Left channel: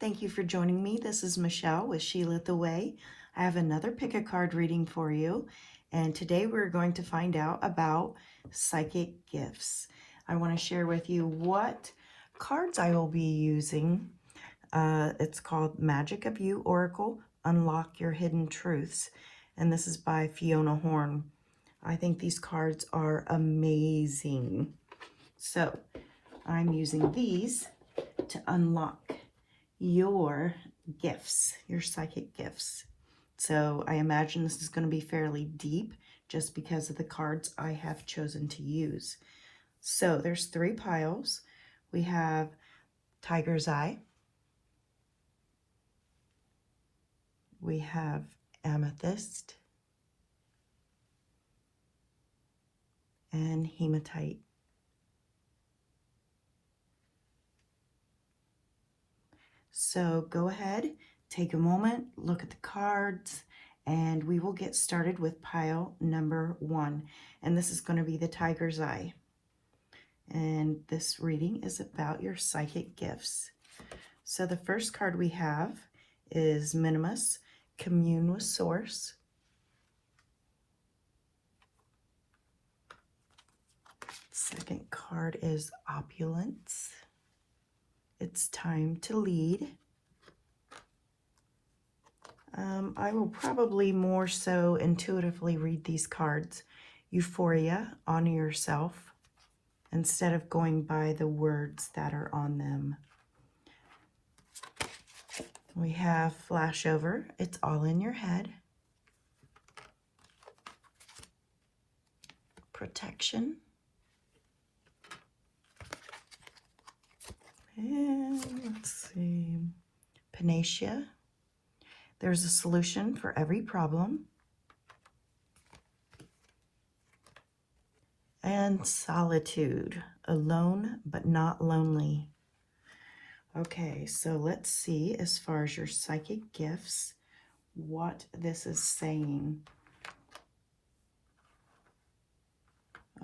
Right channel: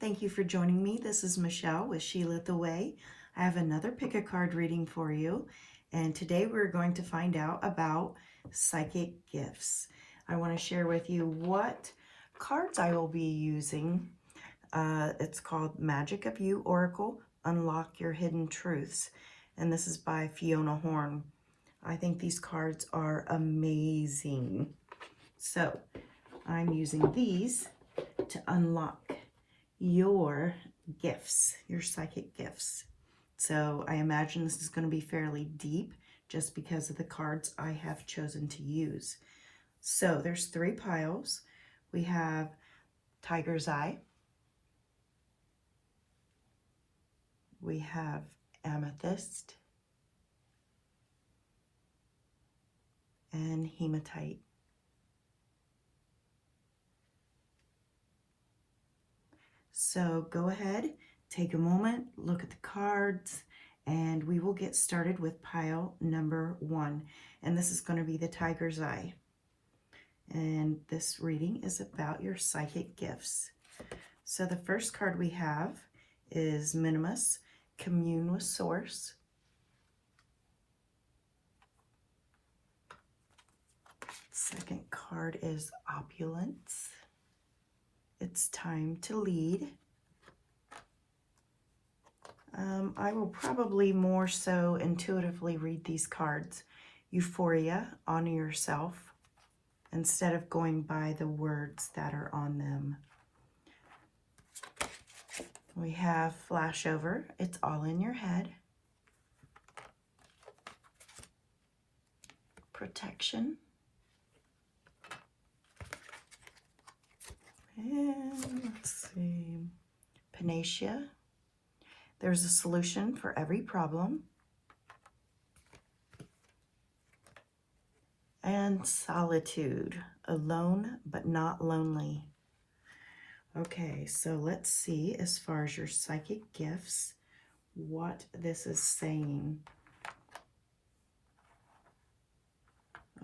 Thank you for joining me. This is Michelle with She Lit the Way. I have another pick a card reading for you, and today we're going to find out about psychic gifts. I want to share with you what cards I will be using. It's called Magic of You Oracle, Unlock Your Hidden Truths, and this is by Fiona Horn. I think these cards are amazing. So I'm using these to unlock your gifts, your psychic gifts. So I imagine this is going to be fairly deep just because of the cards I have chosen to use. So there's 3 piles. We have Tiger's Eye. We have Amethyst. And Hematite. So go ahead, take a moment, look at the cards, and we will get started with pile number 1. And this is going to be the Tiger's Eye. And this reading is about your psychic gifts. So the first card we have is Minimus, Commune with Source. Second card is Opulence. It's time to lead. I will probably more so intuitively read these cards. Euphoria, honor yourself, instead of going by the words that are on them. We have Flashover, it's all in your head. Protection. And let's see, Panacea. There's a solution for every problem. And Solitude, alone but not lonely. Okay, so let's see, as far as your psychic gifts, what this is saying.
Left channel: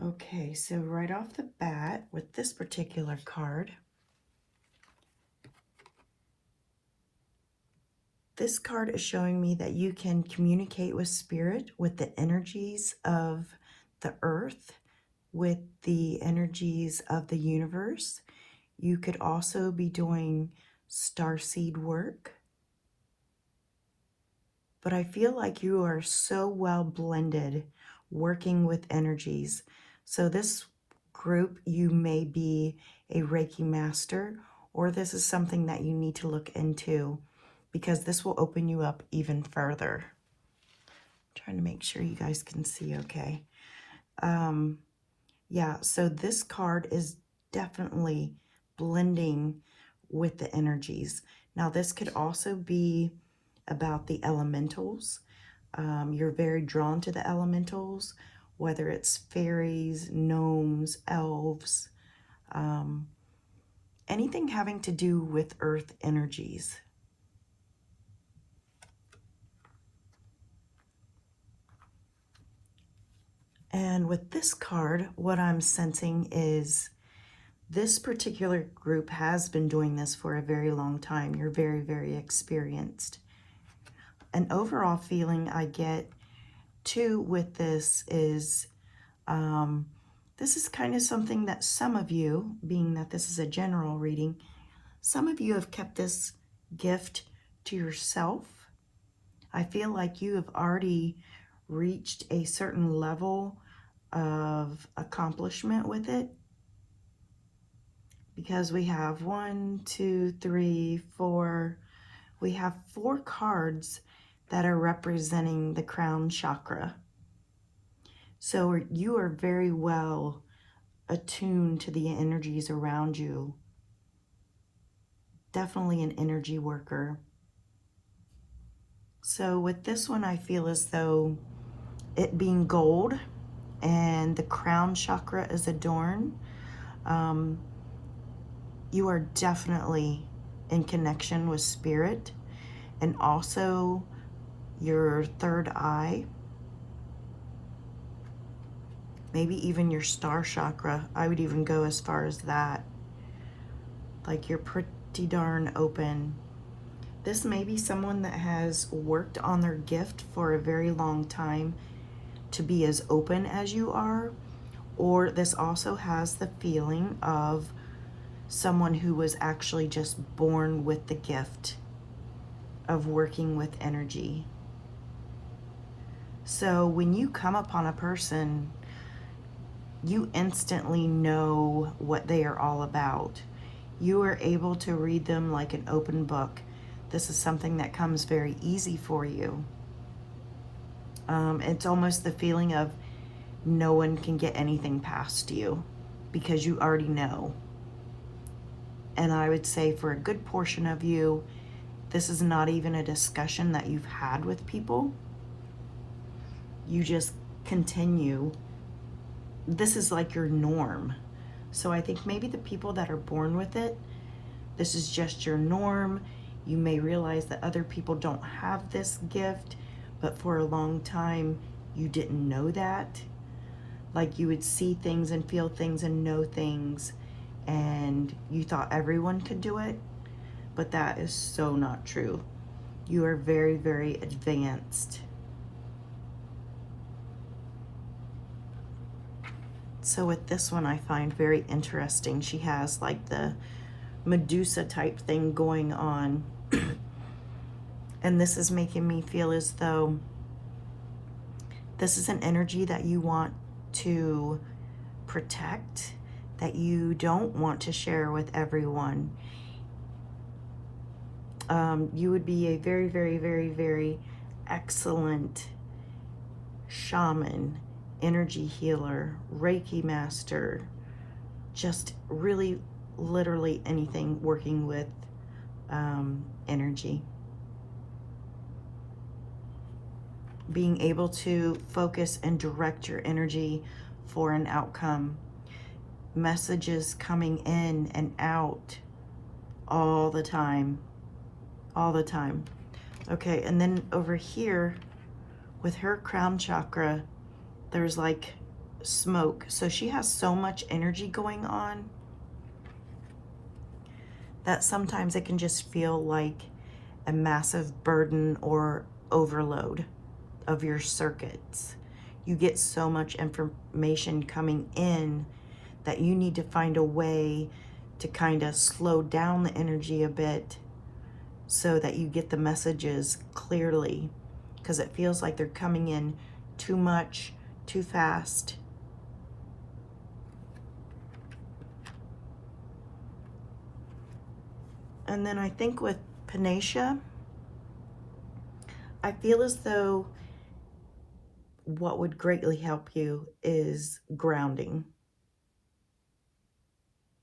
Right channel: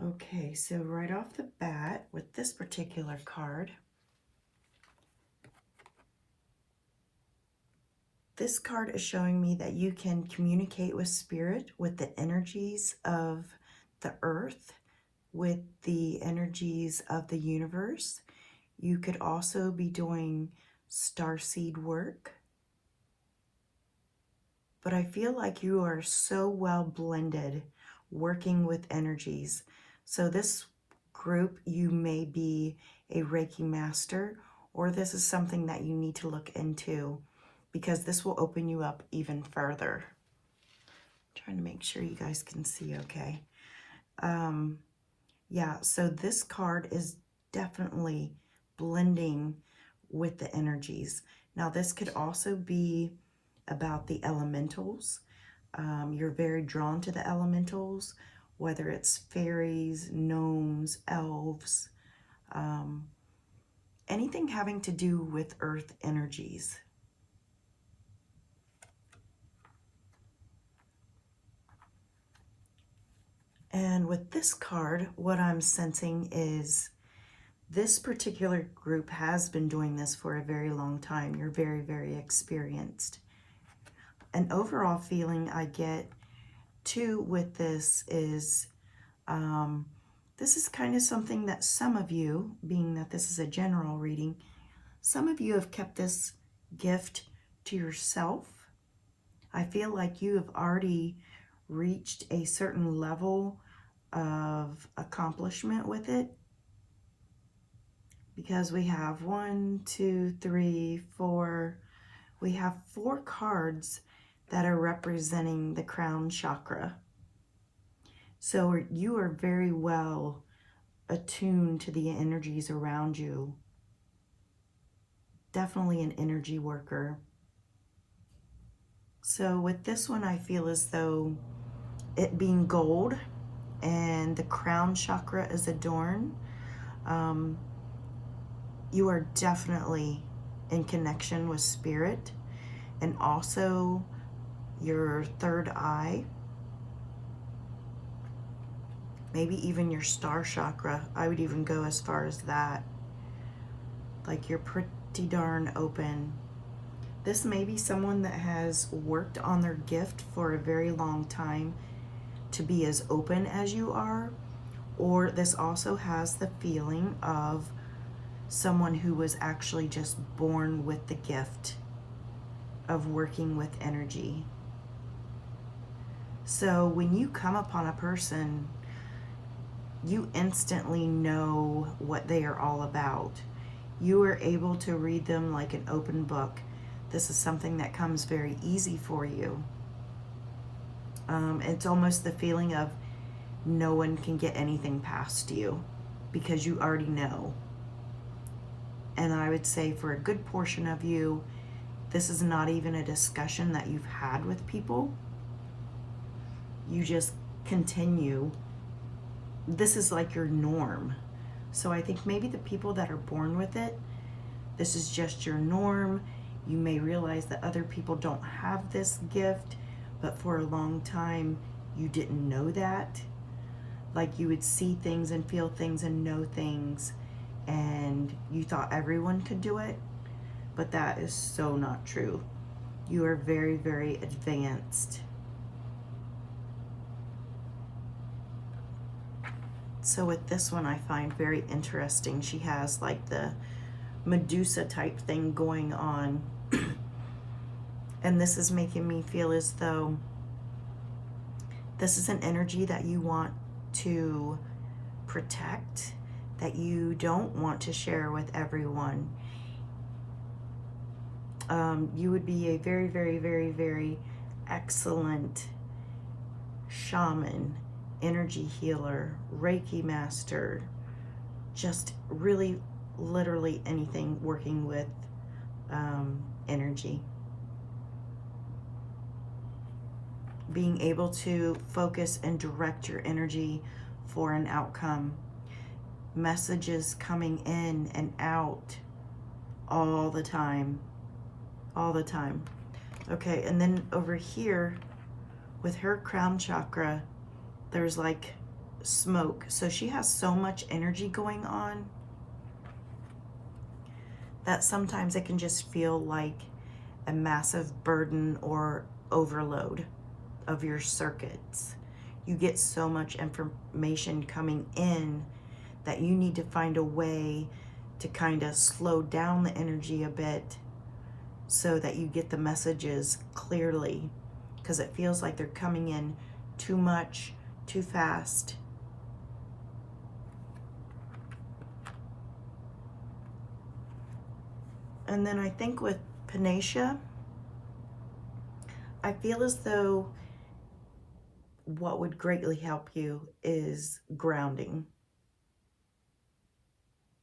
Okay, so right off the bat, with this particular card, this card is showing me that you can communicate with spirit, with the energies of the earth, with the energies of the universe. You could also be doing starseed work. But I feel like you are so well blended working with energies. So this group, you may be a Reiki master, or this is something that you need to look into, because this will open you up even further. Trying to make sure you guys can see okay. Yeah, so this card is definitely blending with the energies. Now, this could also be about the elementals. You're very drawn to the elementals, whether it's fairies, gnomes, elves, anything having to do with earth energies. And with this card, what I'm sensing is this particular group has been doing this for a very long time. You're very, very experienced. An overall feeling I get too with this is this is kind of something that some of you, being that this is a general reading, some of you have kept this gift to yourself. I feel like you have already reached a certain level of accomplishment with it, because we have 1, 2, 3, 4. We have 4 cards that are representing the crown chakra. So you are very well attuned to the energies around you. Definitely an energy worker. So with this one, I feel as though it being gold and the crown chakra is adorned, you are definitely in connection with spirit, and also your third eye, maybe even your star chakra. I would even go as far as that. Like, you're pretty darn open This may be someone that has worked on their gift for a very long time to be as open as you are, or this also has the feeling of someone who was actually just born with the gift of working with energy. So when you come upon a person, you instantly know what they are all about. You are able to read them like an open book. This is something that comes very easy for you. It's almost the feeling of no one can get anything past you because you already know. And I would say for a good portion of you, this is not even a discussion that you've had with people. You just continue. This is like your norm. So I think maybe the people that are born with it, this is just your norm. You may realize that other people don't have this gift, but for a long time you didn't know that. Like you would see things and feel things and know things, and you thought everyone could do it, but that is so not true. You are very, very advanced. So with this one, I find very interesting. She has like the Medusa type thing going on. And this is making me feel as though this is an energy that you want to protect, that you don't want to share with everyone. You would be a very, very, very, very excellent shaman, energy healer, Reiki master, just really literally anything working with energy. Being able to focus and direct your energy for an outcome. Messages coming in and out all the time. All the time. Okay, and then over here with her crown chakra, there's like smoke. So she has so much energy going on that sometimes it can just feel like a massive burden or overload of your circuits. You get so much information coming in that you need to find a way to kind of slow down the energy a bit so that you get the messages clearly, because it feels like they're coming in too much, too fast. And then I think with Panacea, I feel as though what would greatly help you is grounding.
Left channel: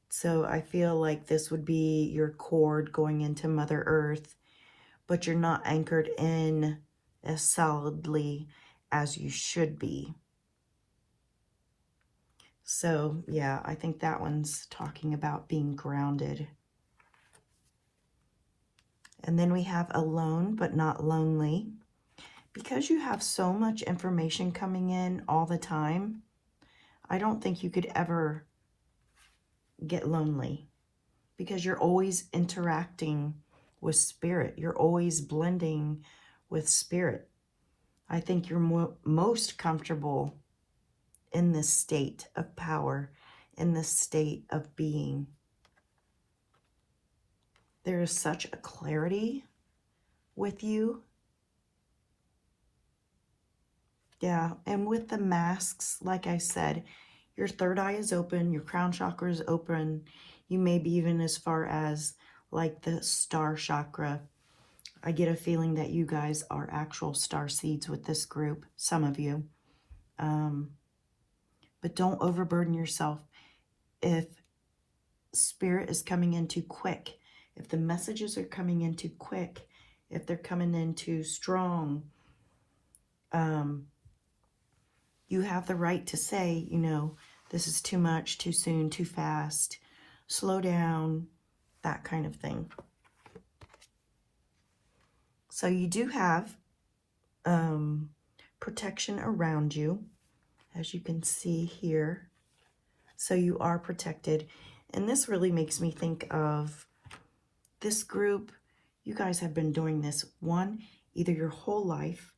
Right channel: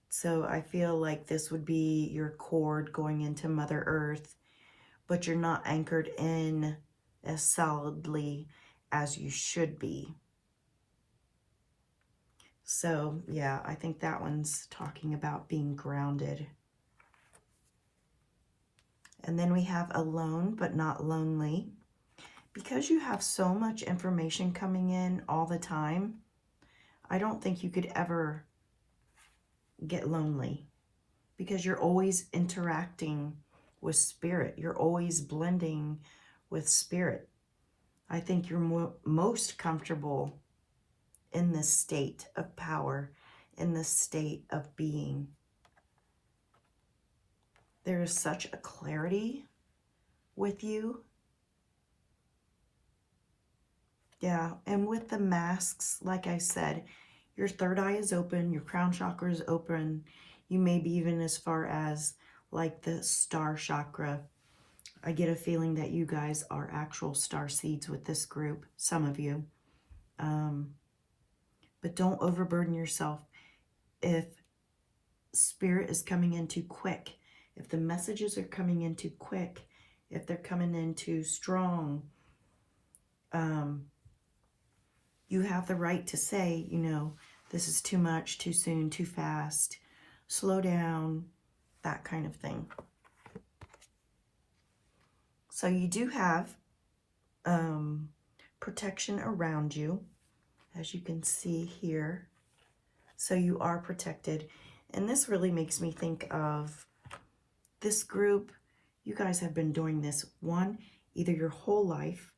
So I feel like this would be your cord going into Mother Earth, but you're not anchored in as solidly as you should be. So yeah, I think that one's talking about being grounded. And then we have alone but not lonely. Because you have so much information coming in all the time, I don't think you could ever get lonely, because you're always interacting with spirit. You're always blending with spirit. I think you're most comfortable in this state of power, in this state of being. There is such a clarity with you. Yeah, and with the masks, like I said, your third eye is open, your crown chakra is open. You may be even as far as like the star chakra. I get a feeling that you guys are actual star seeds with this group, some of you. But don't overburden yourself. If spirit is coming in too quick, if the messages are coming in too quick, if they're coming in too strong, you have the right to say, you know, this is too much, too soon, too fast, slow down, that kind of thing. So you do have protection around you, as you can see here. So you are protected. And this really makes me think of this group. You guys have been doing this, one, either your whole life,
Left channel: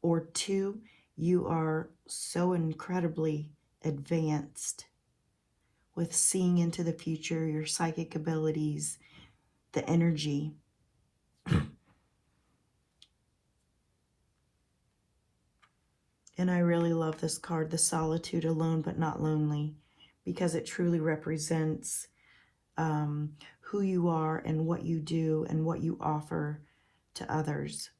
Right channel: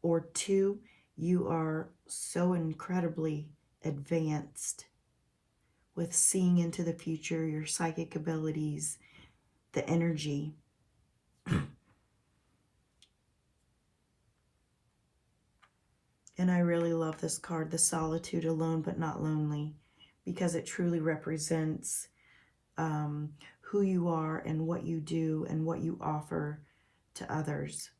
or two, you are so incredibly advanced with seeing into the future, your psychic abilities, the energy. And I really love this card, the solitude, alone but not lonely, because it truly represents who you are and what you do and what you offer to others.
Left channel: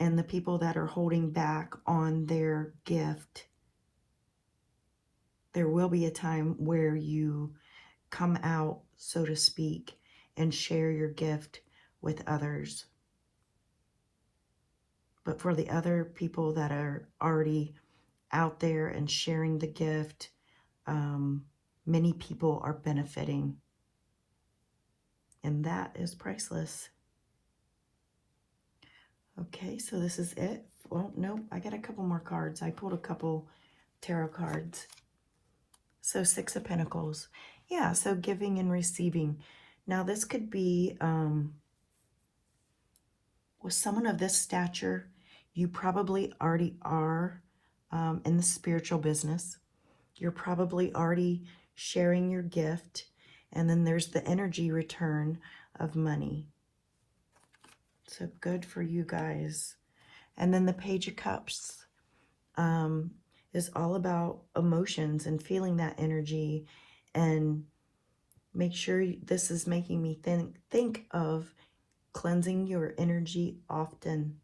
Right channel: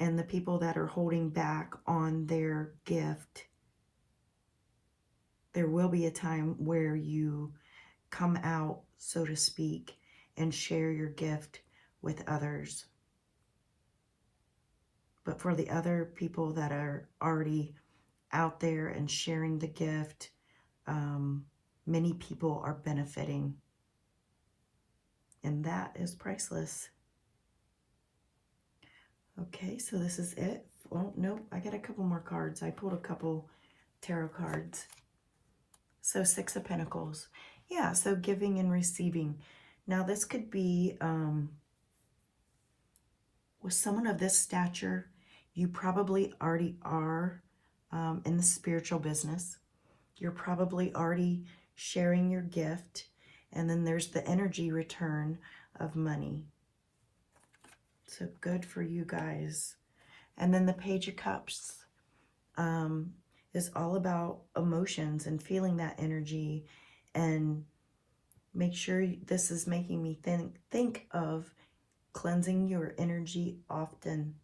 And the people that are holding back on their gift, there will be a time where you come out, so to speak, and share your gift with others. But for the other people that are already out there and sharing the gift, many people are benefiting. And that is priceless. Okay, so this is it. Oh, no, I got a couple more cards. I pulled a couple tarot cards. So Six of Pentacles. Yeah, so giving and receiving. Now this could be with someone of this stature, you probably already are in the spiritual business. You're probably already sharing your gift. And then there's the energy return of money. So good for you guys. And then the Page of Cups is all about emotions and feeling that energy. And make sure this is making me think of cleansing your energy often.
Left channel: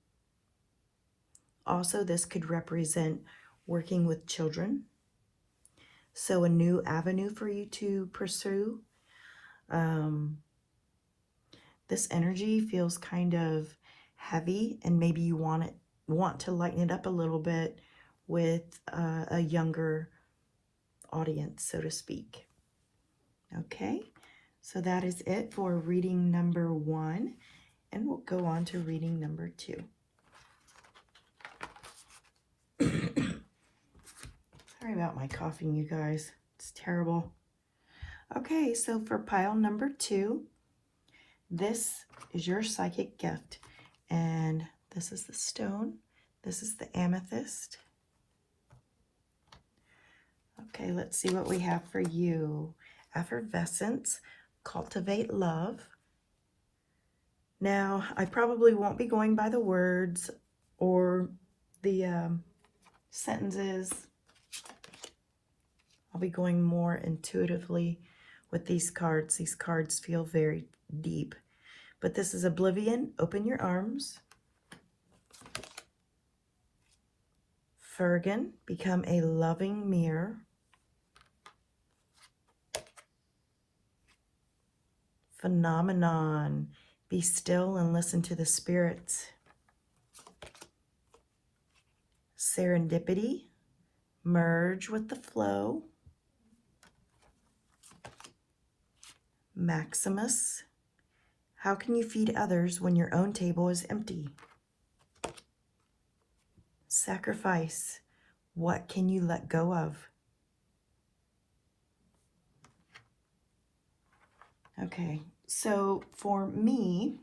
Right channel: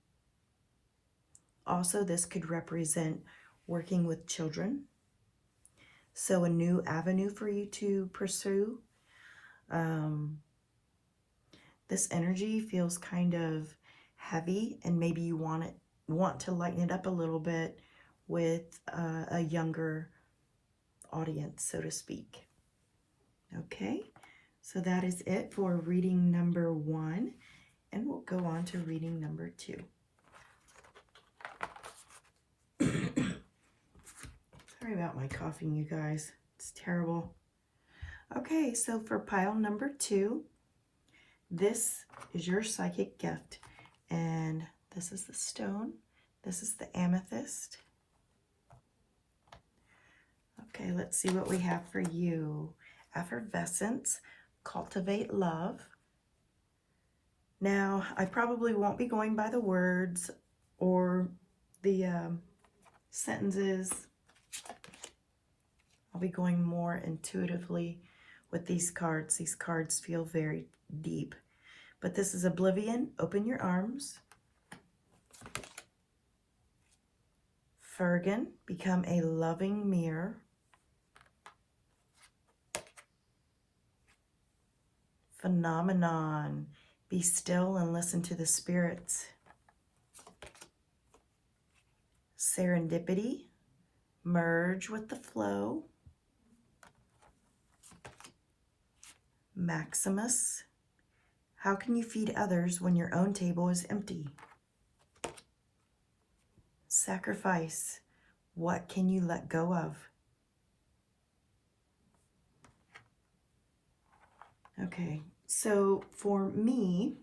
Also, this could represent working with children. So a new avenue for you to pursue. This energy feels kind of heavy, and maybe you want to lighten it up a little bit with a younger audience, so to speak. Okay, so that is it for reading number 1, and we'll go on to reading number 2. Sorry about my coughing, you guys. It's terrible. Okay, so for pile number 2, this is your psychic gift. And this is the stone. This is the amethyst. Okay, let's see what we have for you. Effervescence, cultivate love. Now, I probably won't be going by the words or the sentences. I'll be going more intuitively with these cards. These cards feel very deep. But this is Oblivion, open your arms. Fergan, become a loving mirror. Phenomenon, be still and listen to the spirits. Serendipity, merge with the flow. Maximus, how can you feed others when your own table is empty? Sacrifice, what can you let go of? Okay, so for me,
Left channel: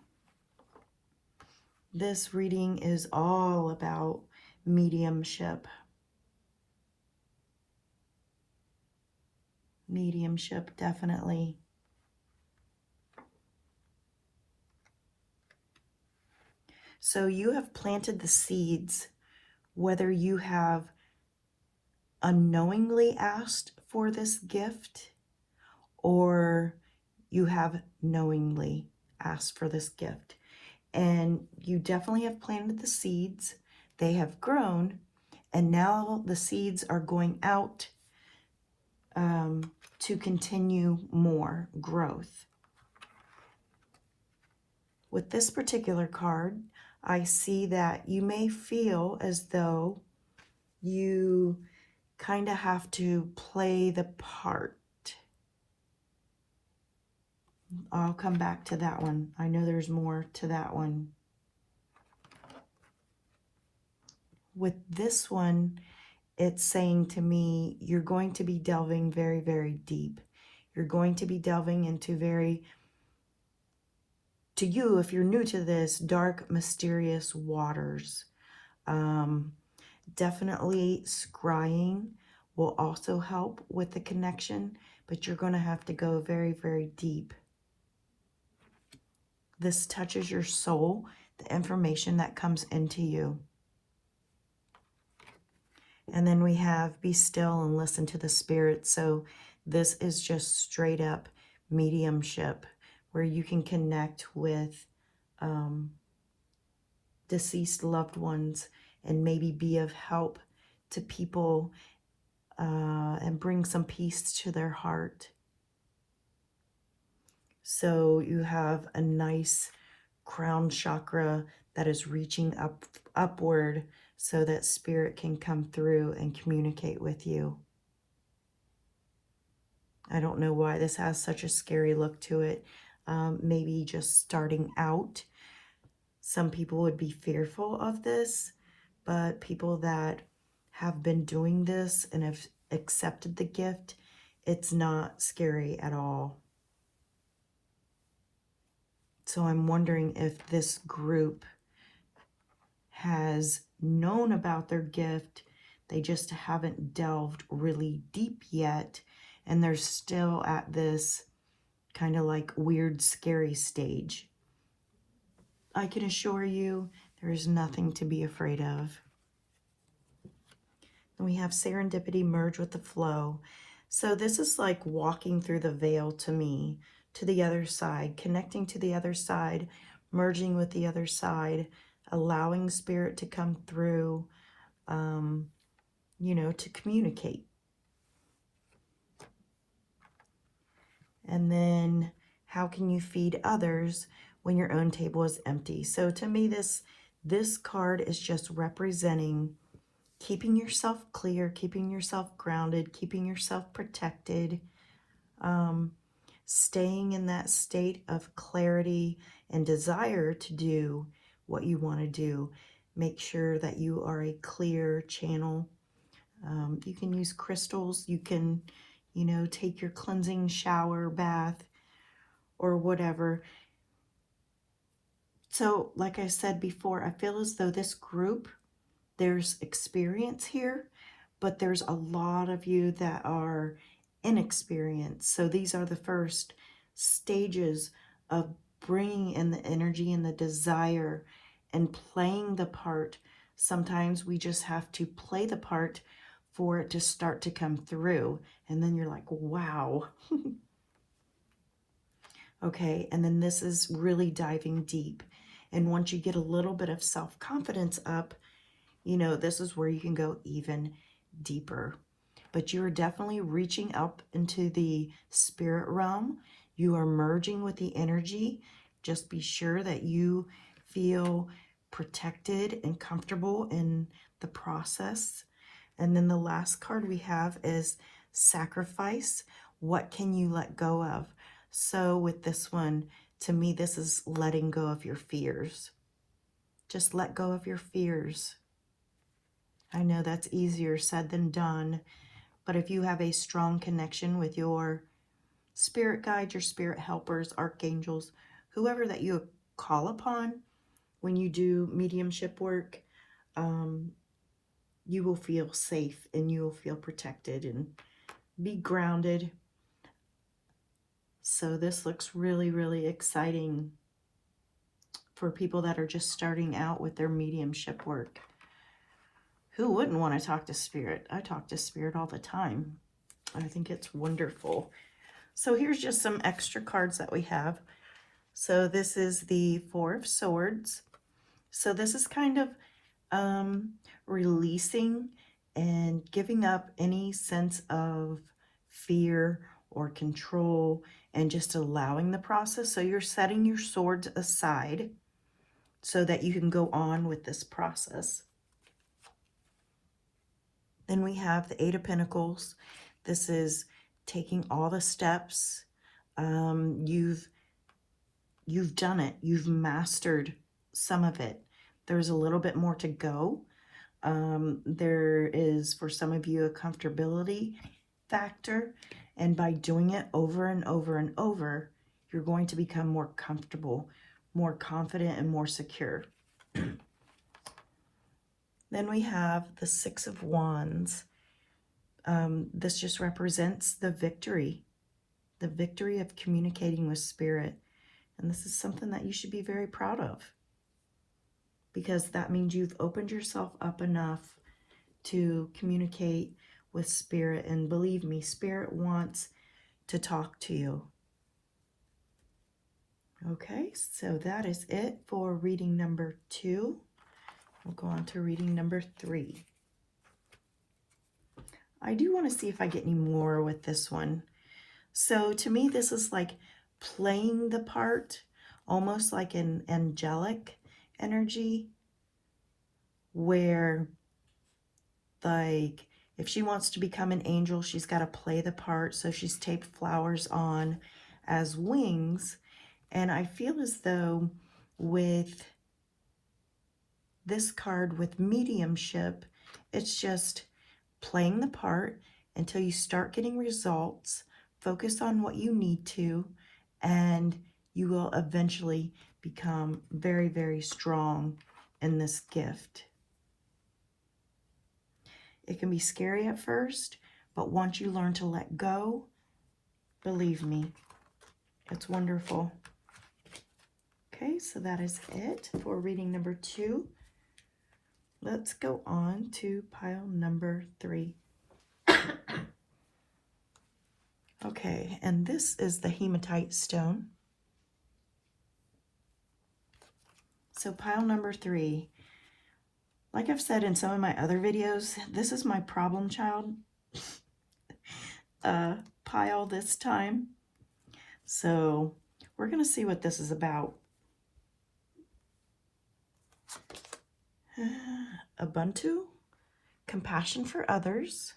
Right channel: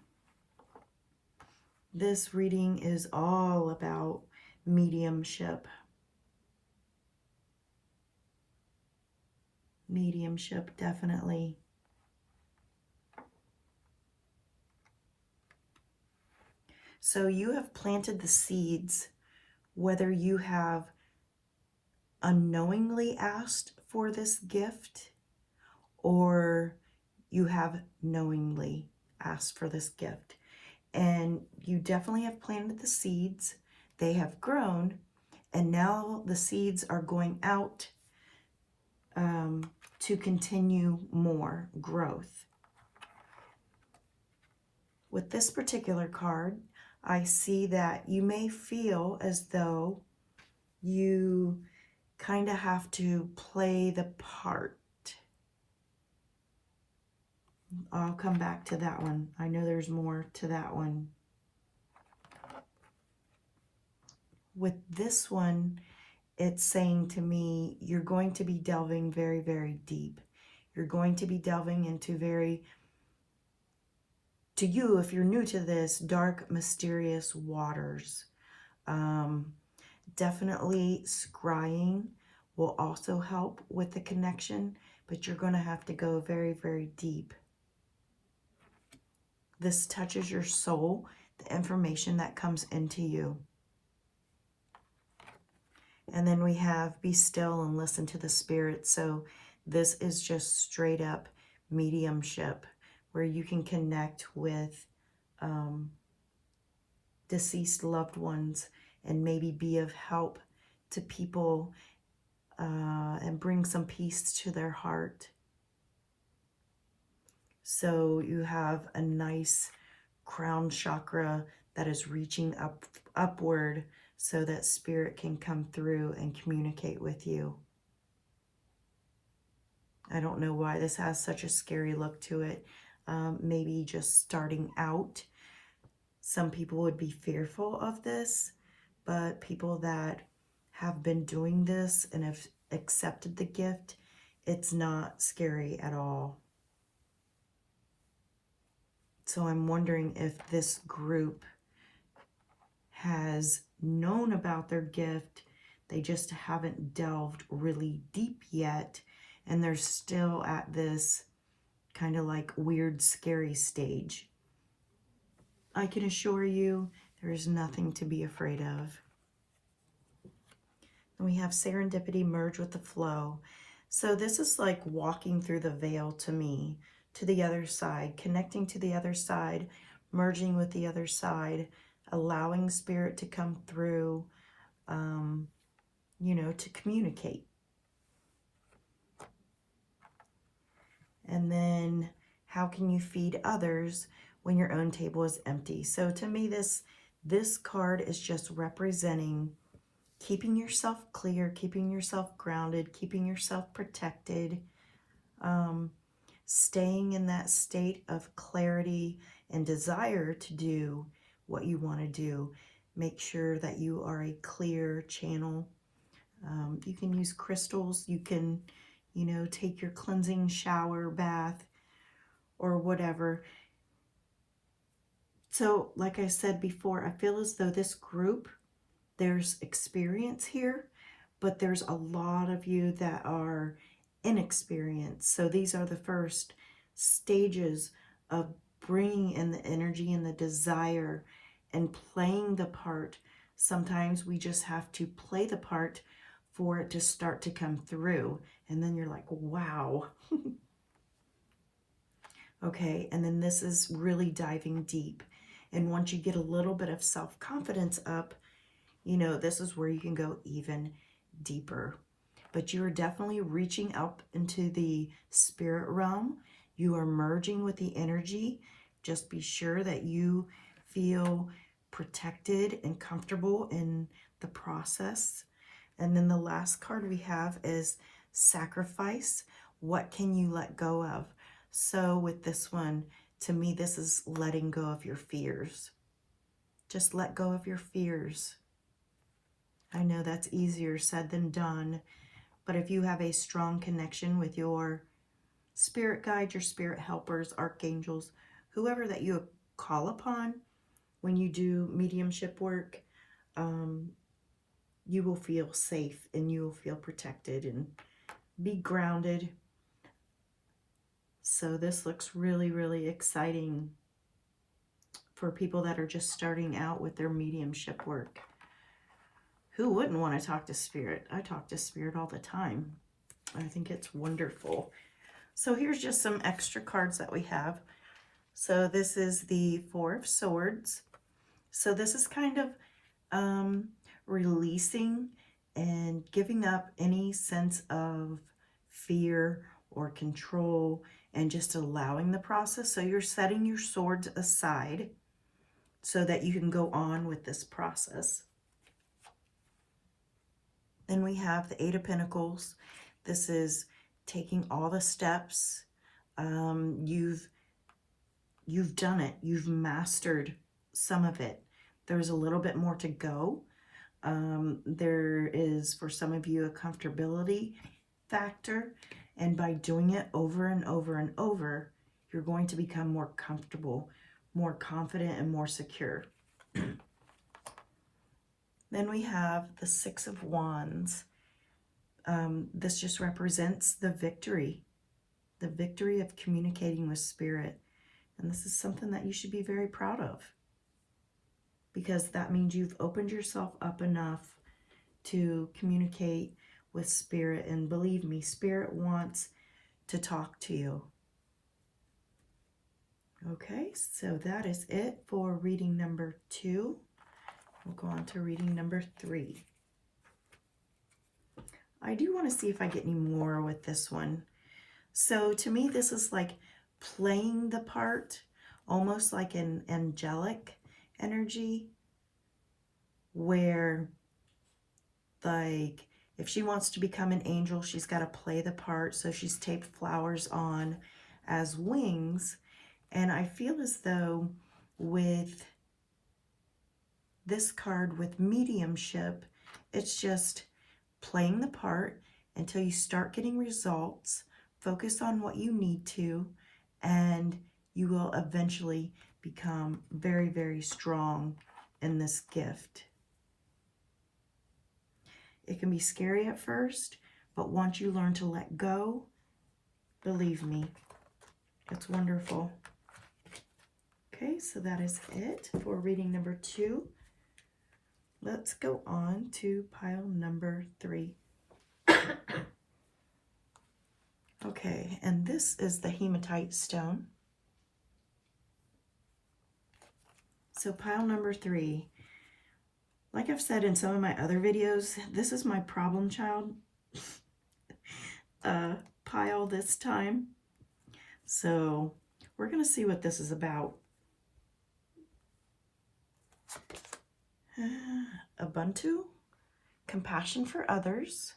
this reading is all about mediumship. Mediumship, definitely. So you have planted the seeds, whether you have unknowingly asked for this gift or you have knowingly asked for this gift. And you definitely have planted the seeds. They have grown, and now the seeds are going out to continue more growth. With this particular card, I see that you may feel as though you kind of have to play the part. I'll come back to that one. I know there's more to that one. With this one, it's saying to me, you're going to be delving very, very deep. You're going to be delving into very to you, if you're new to this, dark, mysterious waters. Definitely scrying will also help with the connection, but you're going to have to go very, very deep. This touches your soul, the information that comes into you. And then we have be still and listen to the spirit. So this is just straight up mediumship where you can connect with deceased loved ones and maybe be of help to people and bring some peace to their heart. So you have a nice crown chakra that is reaching upward so that spirit can come through and communicate with you. I don't know why this has such a scary look to it. Maybe just starting out. Some people would be fearful of this, but people that have been doing this and have accepted the gift, it's not scary at all. So I'm wondering if this group has known about their gift, they just haven't delved really deep yet, and they're still at this kind of like weird, scary stage. I can assure you there is nothing to be afraid of. And we have serendipity merge with the flow. So this is like walking through the veil to me, to the other side, connecting to the other side, merging with the other side, allowing spirit to come through, to communicate. And then how can you feed others when your own table is empty? So to me, this card is just representing keeping yourself clear, keeping yourself grounded, keeping yourself protected, staying in that state of clarity and desire to do what you want to do. Make sure that you are a clear channel. You can use crystals. You can, take your cleansing shower, bath, or whatever. So, like I said before, I feel as though this group, there's experience here, but there's a lot of you that are inexperienced. So these are the first stages of bringing in the energy and the desire and playing the part. Sometimes we just have to play the part for it to start to come through. And then you're like, wow. Okay, and then this is really diving deep. And once you get a little bit of self-confidence up, this is where you can go even deeper. But you are definitely reaching up into the spirit realm. You are merging with the energy. Just be sure that you feel protected and comfortable in the process. And then the last card we have is sacrifice. What can you let go of? So with this one, to me, this is letting go of your fears. Just let go of your fears. I know that's easier said than done, but if you have a strong connection with your spirit guides, your spirit helpers, archangels, whoever that you call upon when you do mediumship work, you will feel safe and you will feel protected and be grounded. So this looks really, really exciting for people that are just starting out with their mediumship work. Who wouldn't want to talk to spirit? I talk to spirit all the time. I think it's wonderful. So here's just some extra cards that we have. So this is the Four of Swords. So this is kind of releasing and giving up any sense of fear or control and just allowing the process. So you're setting your swords aside so that you can go on with this process. Then we have the Eight of Pentacles. This is taking all the steps. You've done it. You've mastered some of it. There's a little bit more to go. There is, for some of you, a comfortability factor. And by doing it over and over and over, you're going to become more comfortable more confident and more secure. Then we have the Six of Wands. This just represents the victory of communicating with Spirit. And this is something that you should be very proud of, because that means you've opened yourself up enough to communicate with Spirit. And believe me, Spirit wants to talk to you. Okay, so that is it for reading number 2. We'll go on to reading number 3. I do want to see if I get any more with this one. So to me, this is like playing the part, almost like an angelic energy, where like if she wants to become an angel, she's got to play the part. So she's taped flowers on as wings. And I feel as though with this card, with mediumship, it's just playing the part until you start getting results. Focus on what you need to, and you will eventually become very, very strong in this gift. It can be scary at first, but once you learn to let go, believe me, it's wonderful. Okay, so that is it for reading number 2. Let's go on to pile number 3. Okay, and this is the Hematite stone. So pile number 3. Like I've said in some of my other videos, this is my problem child pile this time. So we're going to see what this is about. Ubuntu, compassion for others,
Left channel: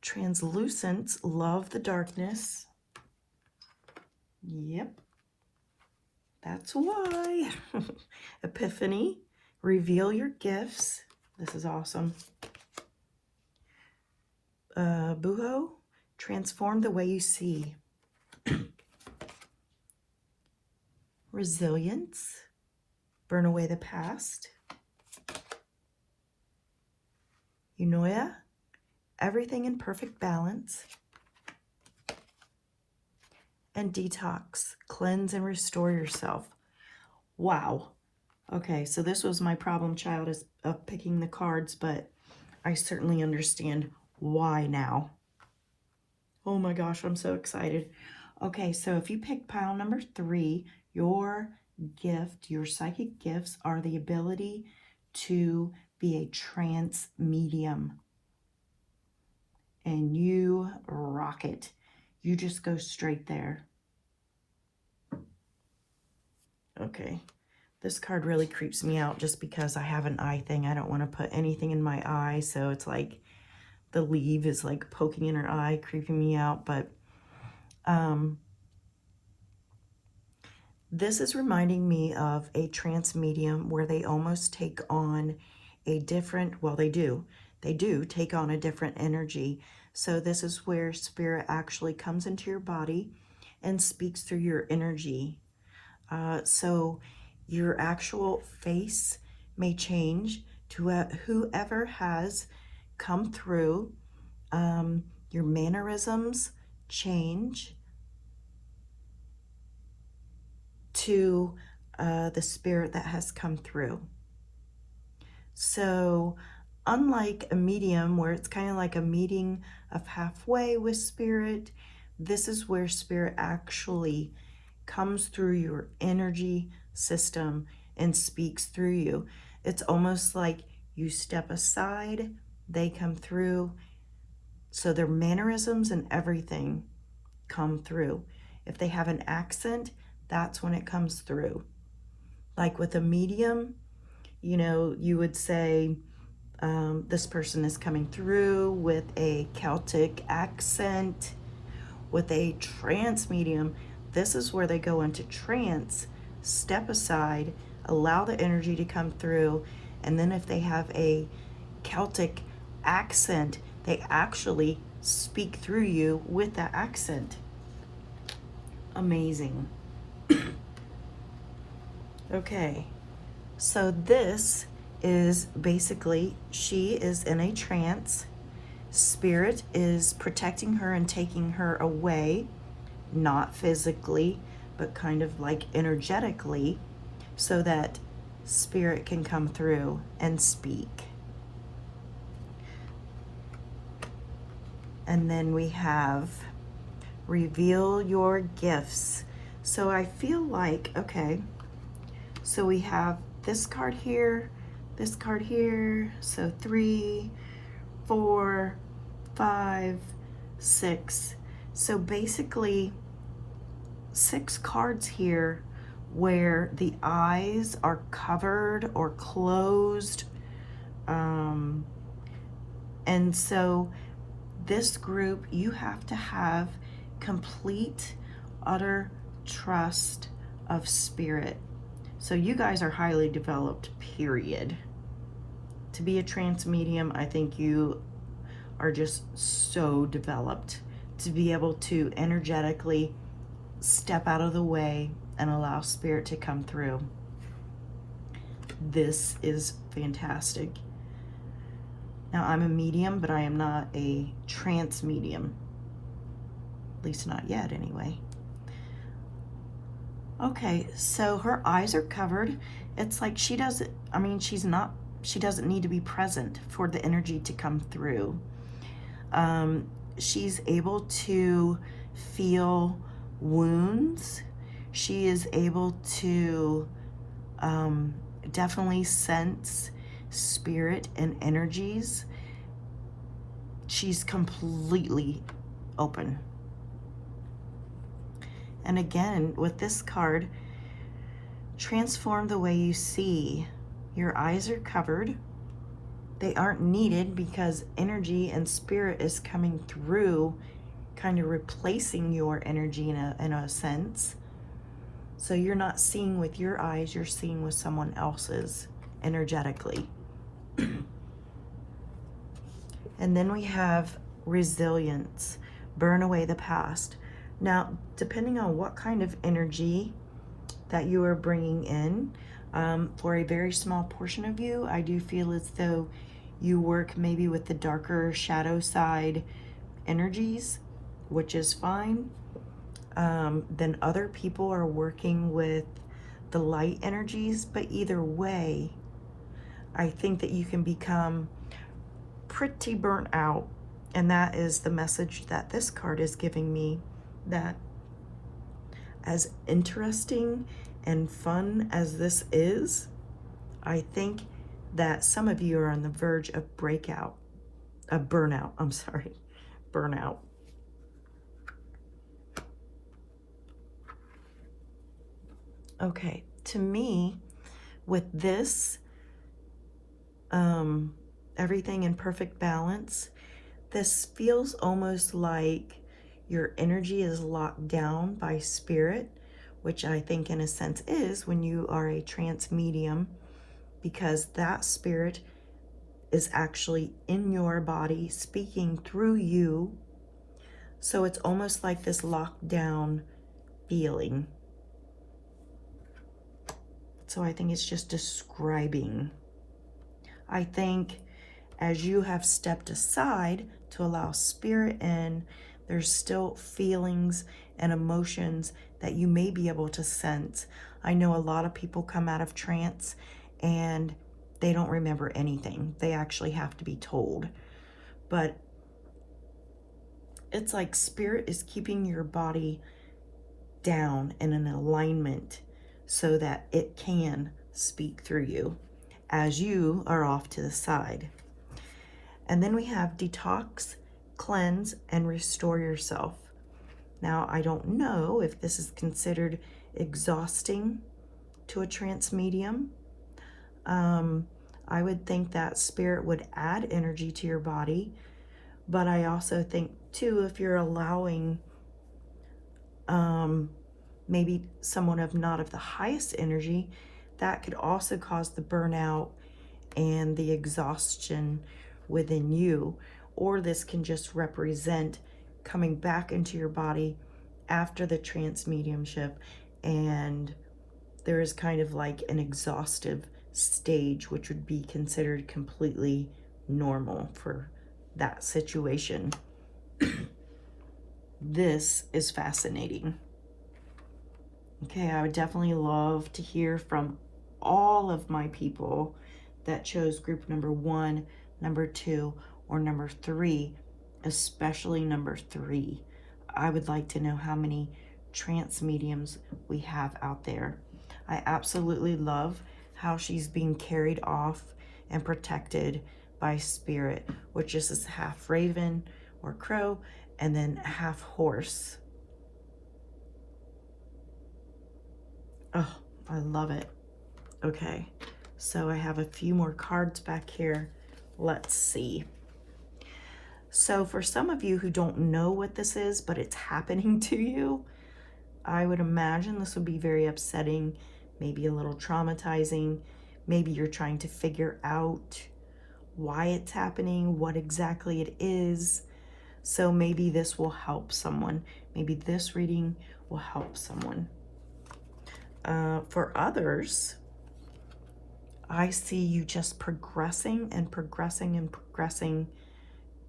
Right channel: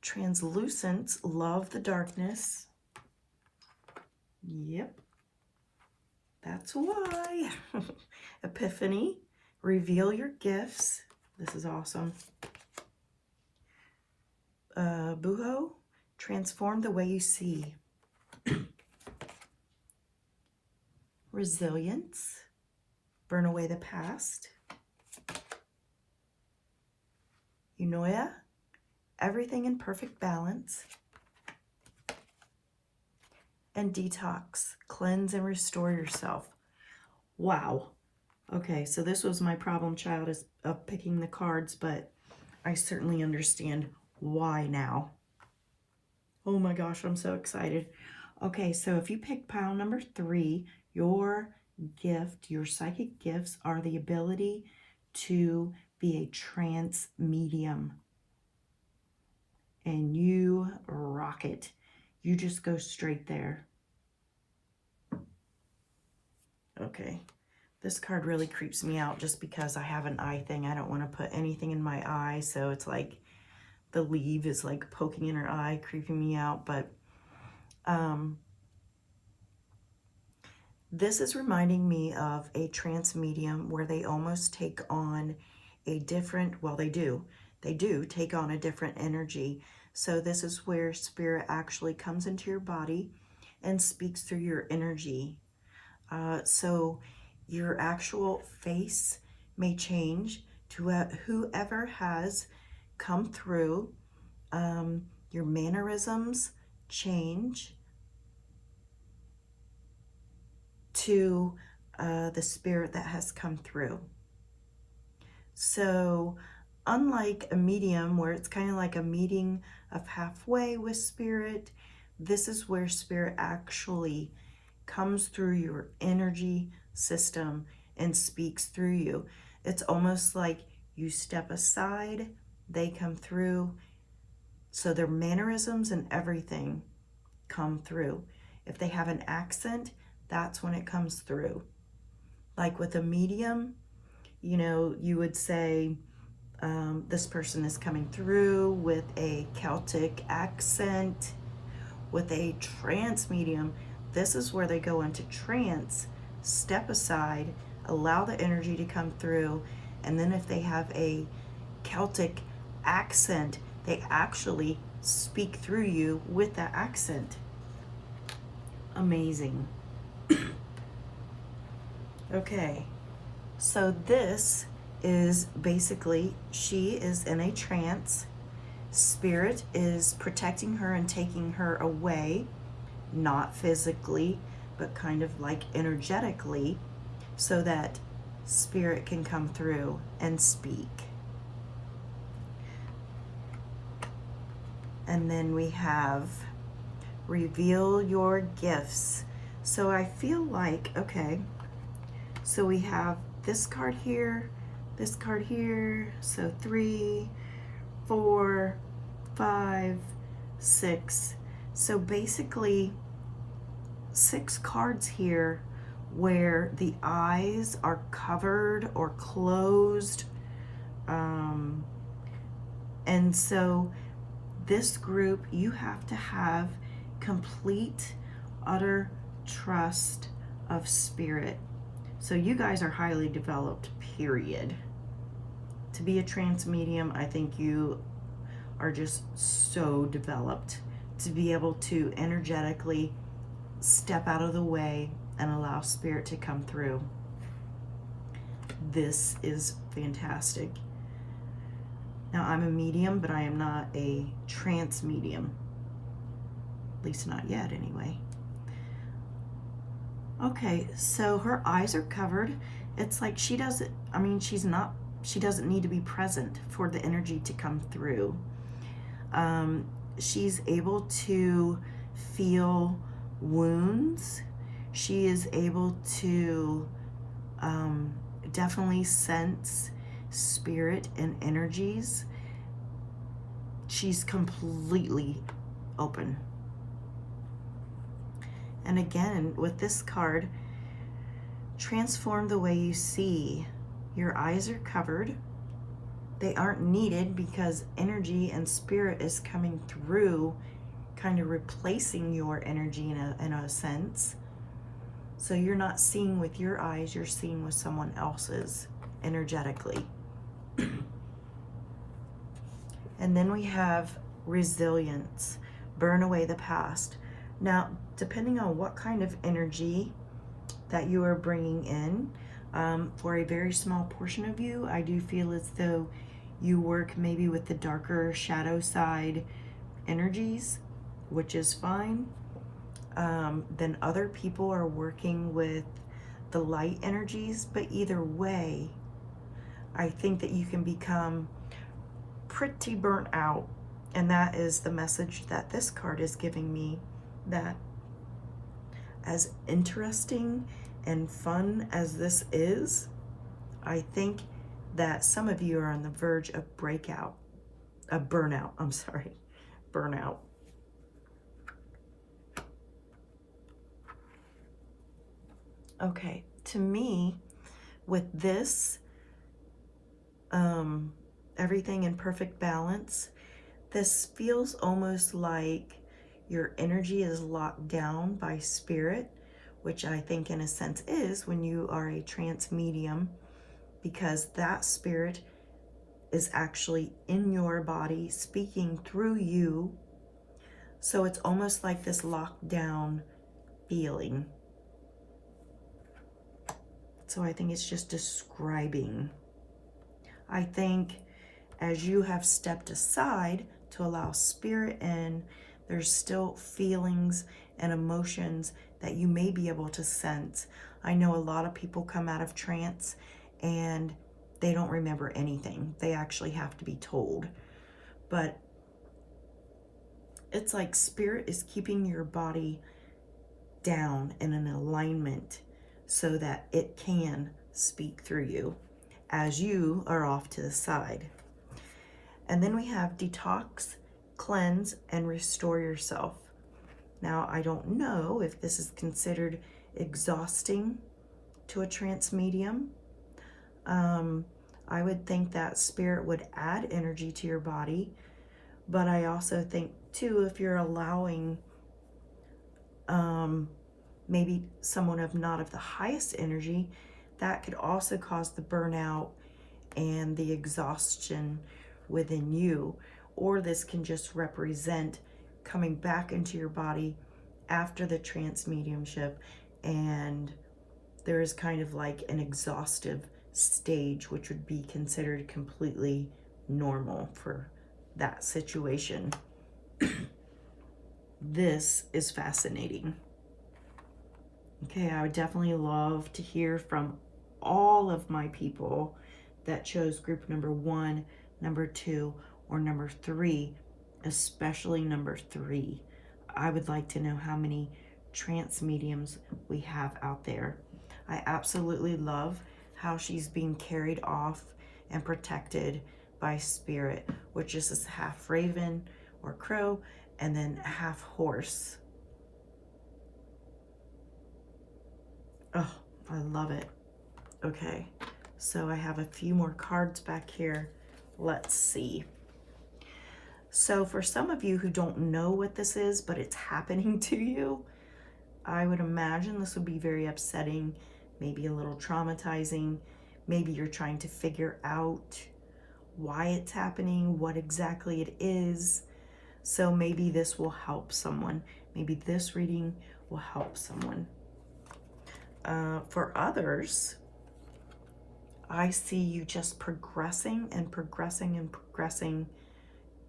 translucence, love the darkness. Yep, that's why. Epiphany, reveal your gifts. This is awesome. Buho, transform the way you see. Resilience, burn away the past. Eunoia, everything in perfect balance. And detox, cleanse and restore yourself. Wow. Okay, so this was my problem child of picking the cards, but I certainly understand why now. Oh my gosh, I'm so excited. Okay, so if you pick pile number 3, your gift, your psychic gifts are the ability to be a trance medium. And you rock it. You just go straight there. Okay, this card really creeps me out just because I have an eye thing. I don't want to put anything in my eye, so it's like the leaf is like poking in her eye, creeping me out. But this is reminding me of a trance medium where they almost take on a different, well, they do take on a different energy. So this is where Spirit actually comes into your body and speaks through your energy. So your actual face may change to whoever has come through. Your mannerisms change to the Spirit that has come through. So unlike a medium where it's kind of like a meeting of halfway with Spirit, this is where Spirit actually comes through your energy system and speaks through you. It's almost like you step aside, they come through. So their mannerisms and everything come through. If they have an accent, that's when it comes through. Like with a medium, you know, you would say this person is coming through with a Celtic accent. With a trance medium, this is where they go into trance, step aside, allow the energy to come through, and then if they have a Celtic accent, they actually speak through you with that accent. amazing. Okay, so this is basically, she is in a trance. Spirit is protecting her and taking her away, not physically, but kind of like energetically, so that Spirit can come through and speak. And then we have reveal your gifts. So I feel like, okay, so we have this card here, this card here, so 3, 4, 5, 6. So basically 6 cards here where the eyes are covered or closed. And so this group, you have to have complete, utter trust of Spirit. So you guys are highly developed, period. To be a trance medium, I think you are just so developed to be able to energetically step out of the way and allow Spirit to come through. This is fantastic. Now, I'm a medium, but I am not a trance medium. At least not yet, anyway. Okay, so her eyes are covered. It's like she doesn't need to be present for the energy to come through. She's able to feel wounds. She is able to definitely sense Spirit and energies. She's completely open. And again, with this card, transform the way you see. Your eyes are covered. They aren't needed because energy and Spirit is coming through, kind of replacing your energy in a sense. So you're not seeing with your eyes, you're seeing with someone else's energetically. And then we have resilience, burn away the past. Now, depending on what kind of energy that you are bringing in, for a very small portion of you, I do feel as though you work maybe with the darker shadow side energies, which is fine. Then other people are working with the light energies, but either way, I think that you can become pretty burnt out. And that is the message that this card is giving me, that as interesting and fun as this is, I think that some of you are on the verge of burnout. Okay, to me, with this, everything in perfect balance, this feels almost like your energy is locked down by Spirit, which I think in a sense is when you are a trance medium, because that Spirit is actually in your body speaking through you. So it's almost like this locked down feeling. So I think it's just describing. I think as you have stepped aside to allow Spirit in, there's still feelings and emotions that you may be able to sense. I know a lot of people come out of trance and they don't remember anything. They actually have to be told. But it's like Spirit is keeping your body down in an alignment so that it can speak through you as you are off to the side. And then we have detox, cleanse, and restore yourself. Now, I don't know if this is considered exhausting to a trance medium. I would think that Spirit would add energy to your body, but I also think too, if you're allowing maybe someone of not of the highest energy, that could also cause the burnout and the exhaustion within you. Or this can just represent coming back into your body after the trance mediumship, and there is kind of like an exhaustive stage, which would be considered completely normal for that situation. This is fascinating. Okay, I would definitely love to hear from all of my people that chose group number 1, number 2, or number 3, especially number 3. I would like to know how many trance mediums we have out there. I absolutely love how she's being carried off and protected by spirit, which is half raven or crow and then half horse. Oh, I love it. Okay, so I have a few more cards back here. Let's see. So for some of you who don't know what this is, but it's happening to you, I would imagine this would be very upsetting, maybe a little traumatizing. Maybe you're trying to figure out why it's happening, what exactly it is. So maybe this will help someone. Maybe this reading will help someone. For others, I see you just progressing and progressing and progressing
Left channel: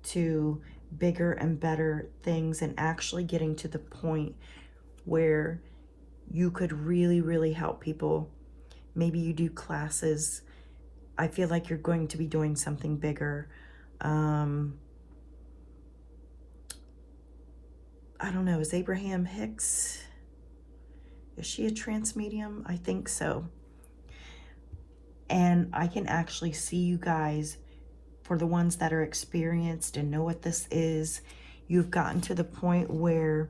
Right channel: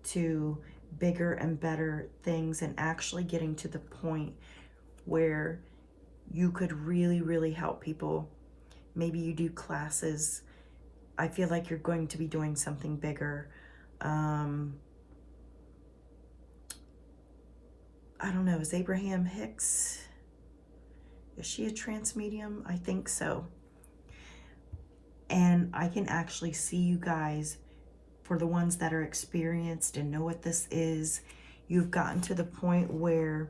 to bigger and better things, and actually getting to the point where you could really, really help people. Maybe you do classes. I feel like you're going to be doing something bigger. I don't know, is Abraham Hicks, is she a trance medium? I think so. And I can actually see you guys, for the ones that are experienced and know what this is, you've gotten to the point where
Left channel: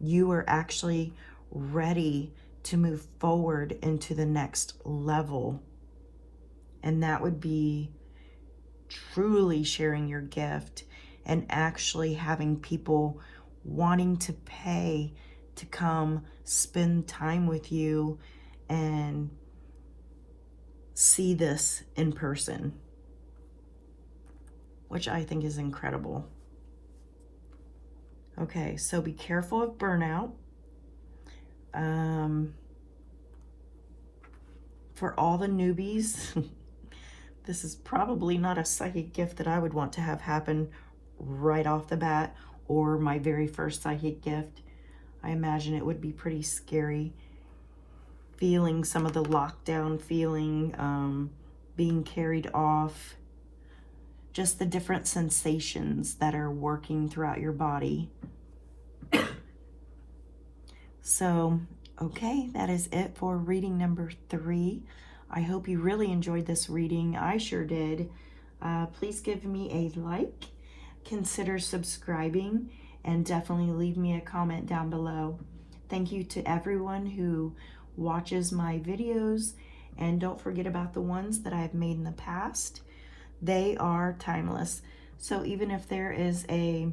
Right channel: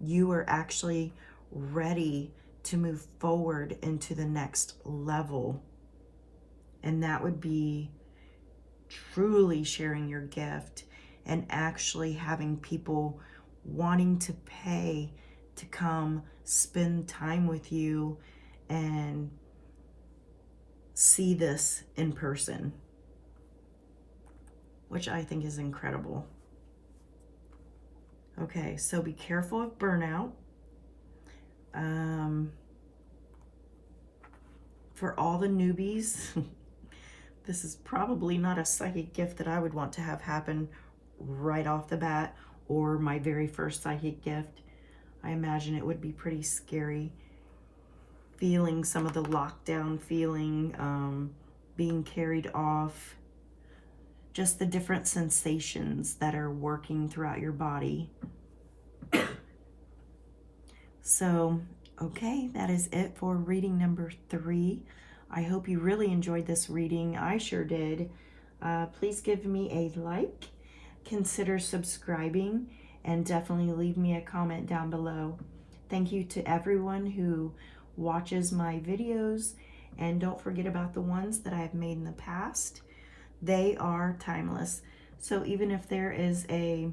you are actually ready to move forward into the next level. And that would be truly sharing your gift and actually having people wanting to pay to come spend time with you and see this in person, which I think is incredible. Okay, so be careful of burnout. For all the newbies, this is probably not a psychic gift that I would want to have happen right off the bat, or my very first psychic gift. I imagine it would be pretty scary, feeling some of the lockdown feeling, being carried off, just the different sensations that are working throughout your body. So, okay, that is it for reading number 3. I hope you really enjoyed this reading. I sure did. Please give me a like, consider subscribing, and definitely leave me a comment down below. Thank you to everyone who watches my videos, and don't forget about the ones that I've made in the past. They are timeless. So even if there is a,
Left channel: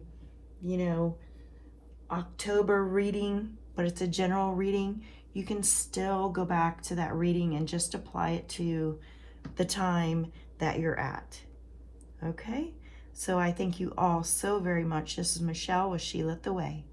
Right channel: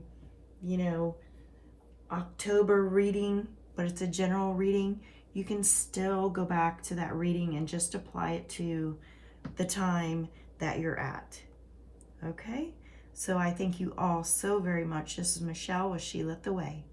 October reading, but it's a general reading, you can still go back to that reading and just apply it to the time that you're at. Okay? So I thank you all so very much. This is Michelle with She Lit the Way.